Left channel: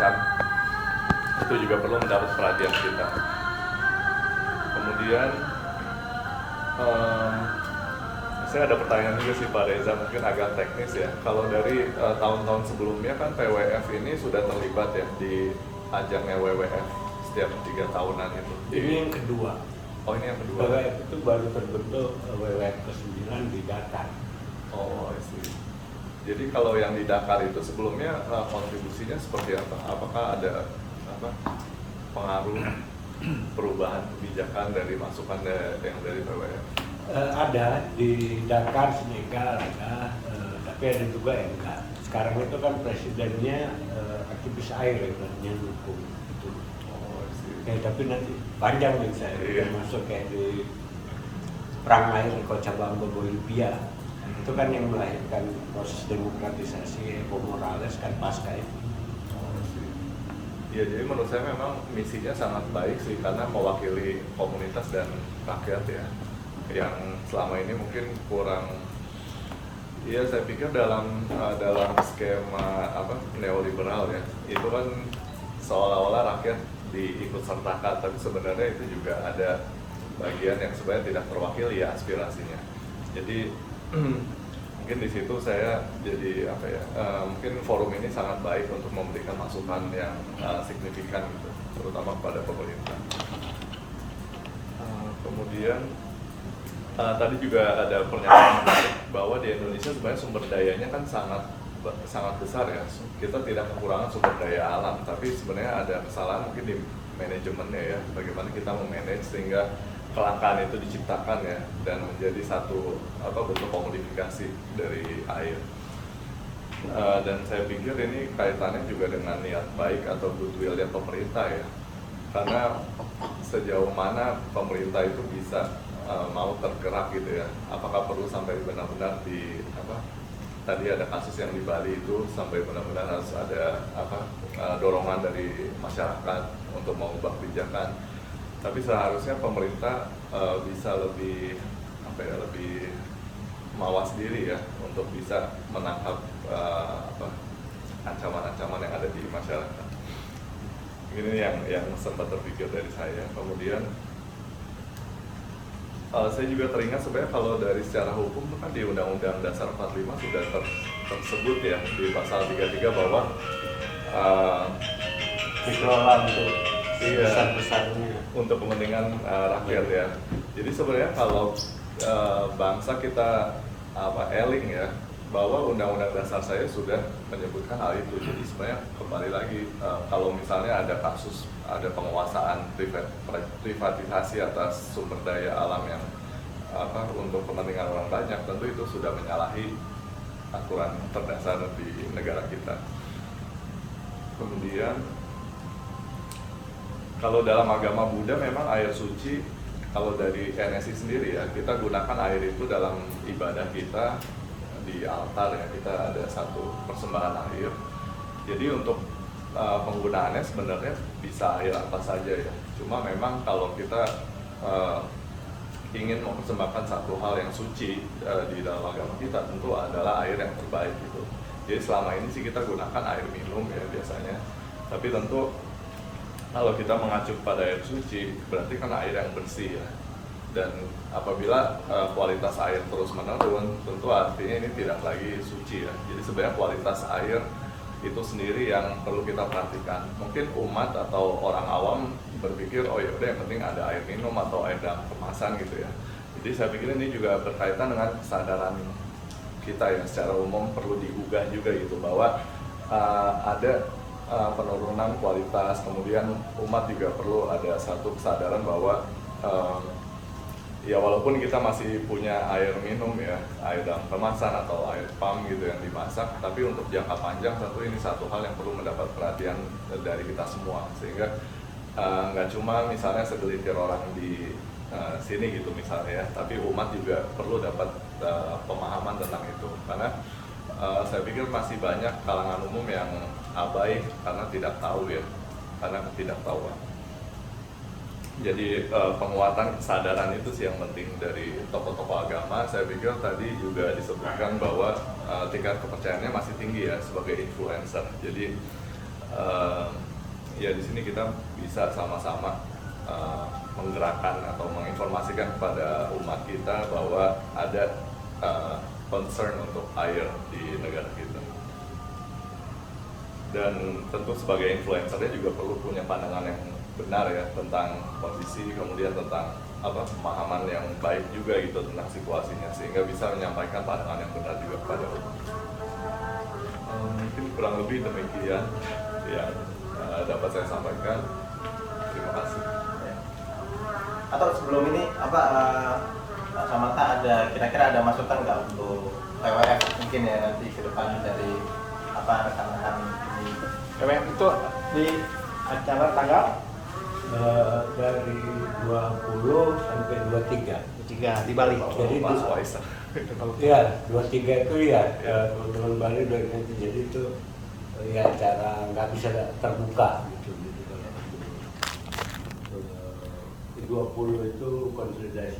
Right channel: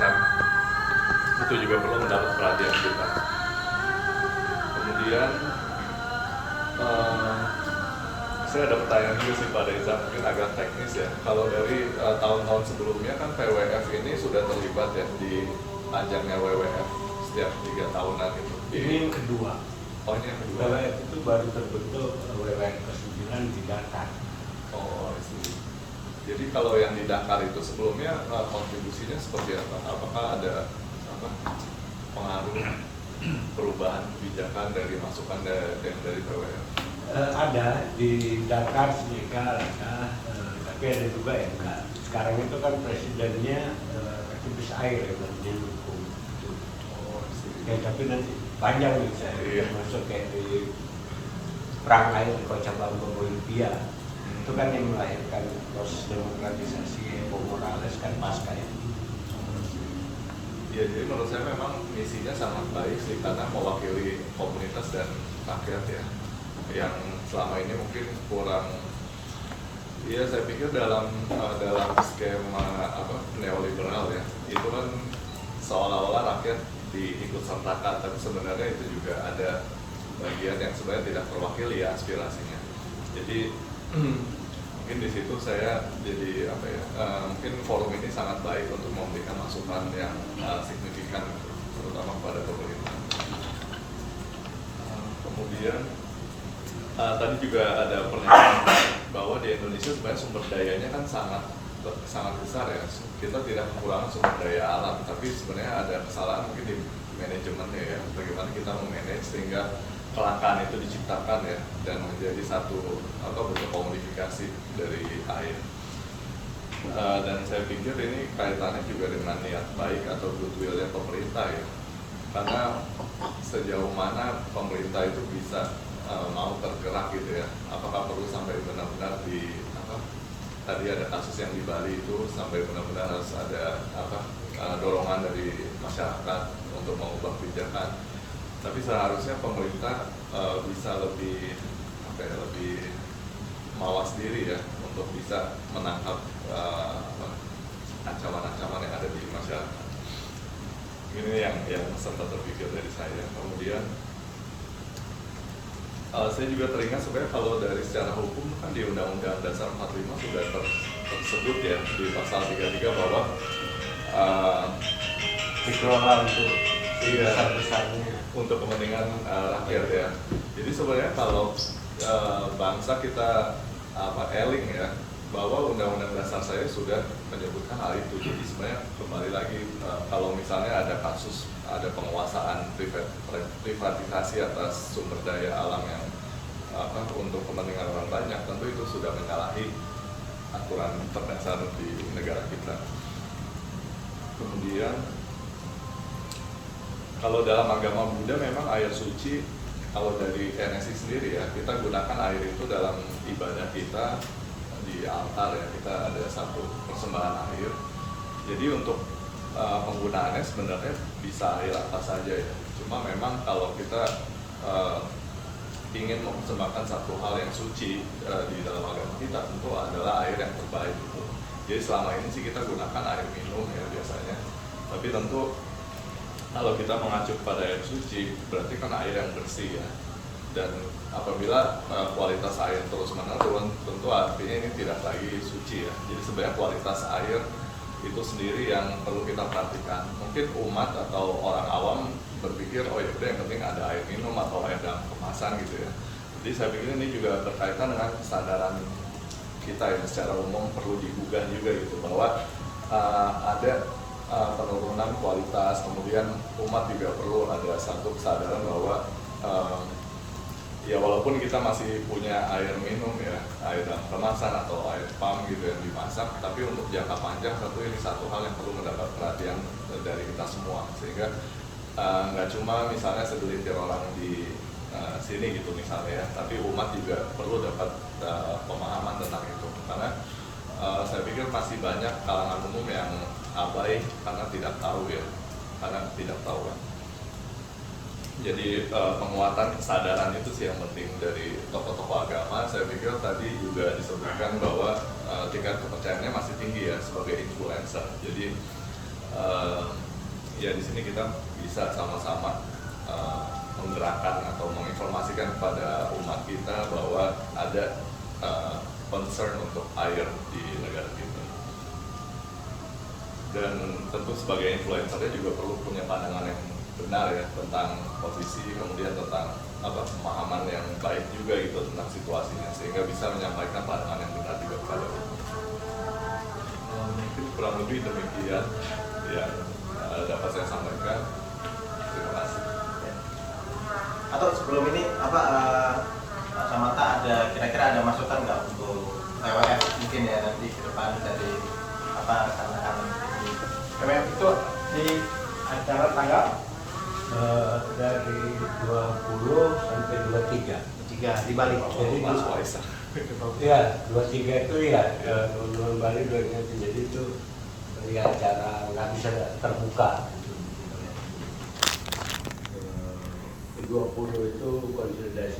kan itu juga perlu mendapat perhatian kita. Kemudian saya ada pertanyaan juga sih Pak Reza, mungkin agak teknis ya. Kalau dari tahun-tahun sebelumnya kan PWF ini sudah terlibat ya di ajangnya WWF setiap 3 tahunan itu. Ini yang kedua. Oh, ini yang kedua. WWF itu baru terbentuk WWF ke-9 di Dakar. Oh, I see. Jadi kalau yang di Dakar itu sebelumnya kontribusinya seperti apa? Apakah ada pengaruh perubahan kebijakan dari masukan yang dari PWF? Ada di Dakar, Senegal ada, tapi ada juga yang enggak. Sekarang itu kan presidennya aktivis air yang hukum itu. Oh, I see. Ya, tapi nanti panjang nih saya masuk kayak di perang air di Cochabamba, Bolivia. Itu kan yang melahirkan proses demokratisasi Evo Morales kan pasca itu. Ya, jadi menurut saya memang misinya sangat baik sih karena mewakili komunitas dan rakyat ya, yang selama ini mungkin kurang. Iya, saya pikir dalam skema neoliberal ya, itu kan seolah-olah rakyat diikut sertakan, tapi sebenarnya itu juga ada bagian yang sebenarnya tidak terwakili ya aspirasinya. Jadi mungkin di situ saya jadi mungkin forum ini sangat baik untuk memberikan masukan yang signifikan gitu, terutama kepada pemerintah. Kemudian tadi juga ada pernyataan bahwa di Indonesia sebenarnya sumber dayanya kan sangat besar ya. Kita tidak kekurangan sumber daya alam, tapi sebenarnya ada kesalahan mungkin di manajemennya ya, bagaimana kita memanage sehingga kelangkaan itu diciptakan ya dan menjadi satu bentuk komodifikasi dari air. Dan saya pikir ini kaitannya juga dengan niat baik atau goodwill-nya pemerintah ya, karena sejauh mana pemerintah itu bisa mau tergerak gitu ya, apakah perlu sampai benar-benar tadi ada kasus yang di Bali itu sampai benar-benar harus ada dorongan dari masyarakat untuk mengubah kebijakan. Tapi seharusnya pemerintah bisa lebih mawas diri ya untuk bisa menangkap ancaman-ancaman yang ada di masyarakat. Ini yang sempat terpikir dari saya. Kemudian saya juga teringat sebenarnya kalau dari secara hukum kan di Undang-Undang Dasar 45 sudah tersebut ya di pasal 33 bahwa dikelola untuk besar-besarnya untuk kepentingan rakyat ya. Jadi sebenarnya kalau bangsa kita eling ya bahwa Undang-Undang Dasar saya sudah menyebutkan hal itu. Jadi sebenarnya kembali lagi kalau misalnya ada kasus ada penguasaan privatisasi atas sumber daya alam yang untuk kepentingan orang banyak, tentu itu sudah menyalahi aturan terdasar di negara kita. Kemudian kalau dalam agama Buddha memang air suci, kalau dari NSI sendiri ya, kita gunakan air itu dalam ibadah kita di altar ya, kita ada satu persembahan air. Jadi untuk penggunaannya sebenarnya bisa air apa saja ya. Cuma memang kalau kita ingin mempersembahkan satu hal yang suci di dalam agama kita, tentu adalah air yang terbaik itu. Jadi selama ini sih kita gunakan air minum ya biasanya. Tapi tentu kalau kita mengacu pada air suci, berarti kan air yang bersih ya. Dan apabila kualitas air terus menurun, tentu artinya ini tidak lagi suci ya. Jadi sebenarnya kualitas air itu sendiri yang perlu kita perhatikan. Mungkin umat atau orang awam berpikir, oh ya udah yang penting ada air minum atau air dalam kemasan gitu ya. Jadi saya pikir ini juga berkaitan dengan kesadaran kita yang secara umum perlu digugah juga gitu, bahwa ada penurunan kualitas. Kemudian umat juga perlu ada satu kesadaran bahwa ya walaupun kita masih punya air minum ya, air dalam kemasan atau air pump gitu yang dimasak, tapi untuk jangka panjang tentu ini satu hal yang perlu mendapat perhatian dari kita semua, sehingga nggak cuma misalnya segelintir orang di sini gitu misalnya ya, tapi umat juga perlu dapat pemahaman tentang itu, karena saya pikir masih banyak kalangan umum yang abai karena tidak tahu ya, karena ketidaktahuan. Jadi penguatan kesadaran itu sih yang penting dari tokoh-tokoh agama. Saya pikir tadi juga disebutkan bahwa tingkat kepercayaannya masih tinggi ya sebagai influencer. Jadi ya di sini kita bisa sama-sama menggerakkan atau menginformasikan kepada umat kita bahwa ada concern untuk air di negara kita. Dan tentu sebagai influencernya juga perlu punya pandangan yang benar ya tentang kondisi, kemudian tentang pemahaman yang baik juga gitu tentang situasinya, sehingga bisa menyampaikan pandangan yang benar juga kepada umat. Mungkin kurang lebih demikian yang dapat saya sampaikan. Terima kasih. Atau sebelum ini Pak Samanta kira-kira ada masukan nggak untuk WWF mungkin ya nanti ke depan dari tantangan ini? WWF itu di acara tanggal dari 20 sampai 23 di Bali. Jadi Mas Waisak. Ya, 23 itu ya Bali 23. Jadi itu ya acara nggak bisa terbuka gitu. 20 itu konsolidasi